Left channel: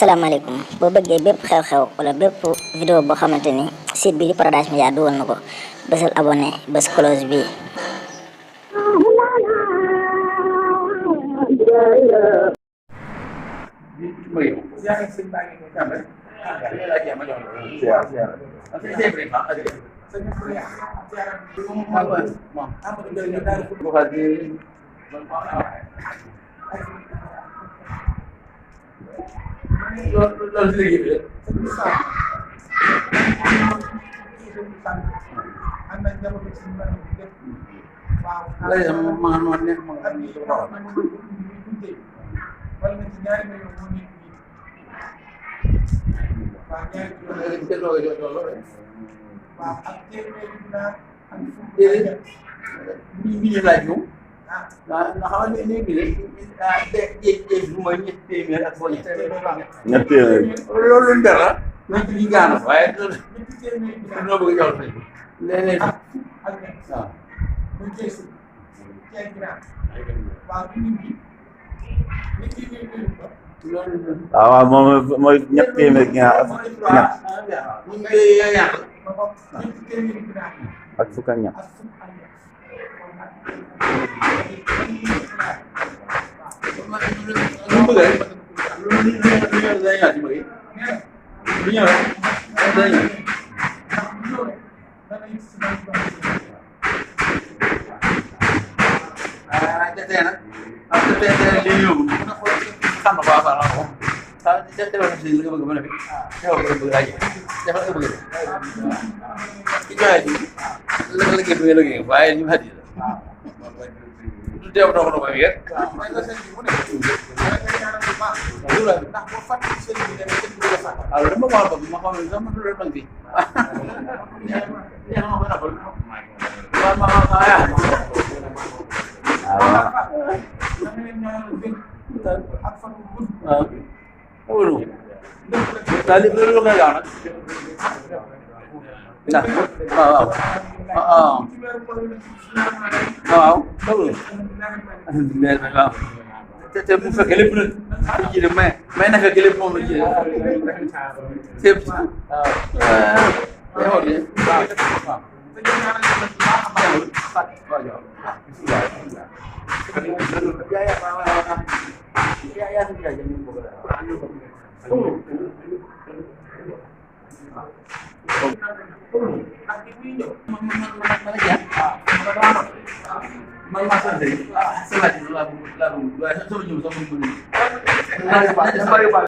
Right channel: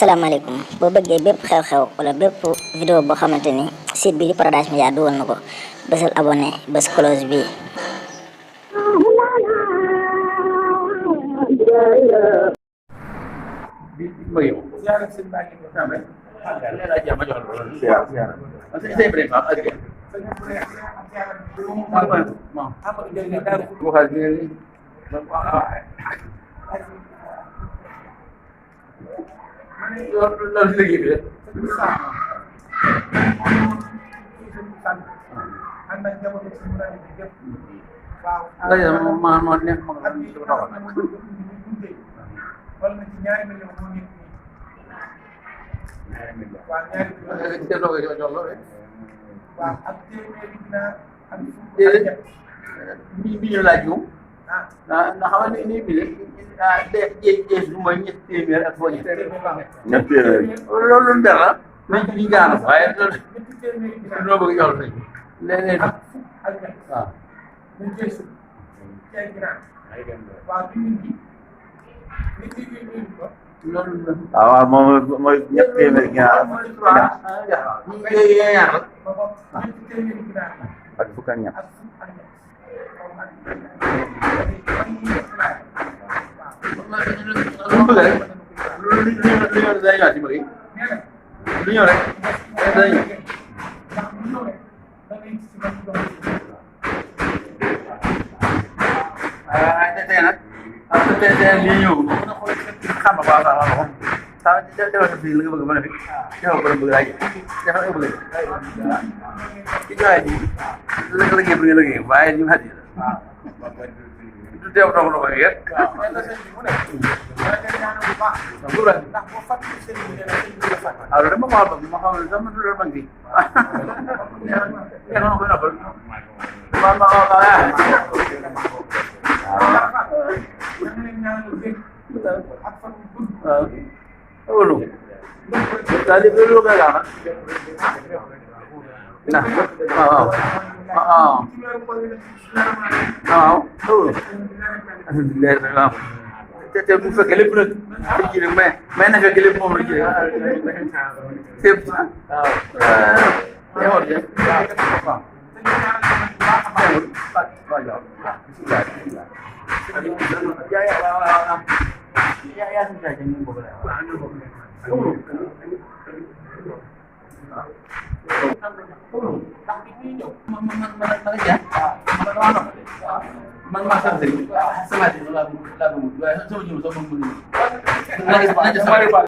salaamaaleykum boo bëggee bépp xew-xew wala bépp vidéo boo xamante ni site bi di Paradise Media dugal na ko bësal abonné bës cloche bi. loolu si liggéey bi rek. waaw ma nekk ma nga na xam ne nii bi de bu mooy ñetti téeméer ak foo ñetti téeméer loolu lu dara nañ ci gaana waaye loolu noo bëgg jox sëñ bi léegi waaw moom mooy ñetti téeméer ginaar ak fukk ak ñett lu mu bëgg rek lu ñëw day ñëwaat ci bëgg lu ñëw rek day ñëw tey nag tey lii ñëw xam na quoi la ko sa defal ko si li nga bëgg ba ne fi defal ko bëgg laaj defal nga bëgg ci joxe ji la liggéey bi nga liggéey waaye ñu xat yi du teew dox na ko yéen alors dama ko wax ma xam ne sama du loolu mag bi ma koy noppal loolu nga gaaw nag waaw waaw loolu waaw te bu fekkee lépp nag ci de mais na fekk lépp moom la ci c'est waaw man maa sant rek sama ji laa bëgg waaye sama ji sama bëgg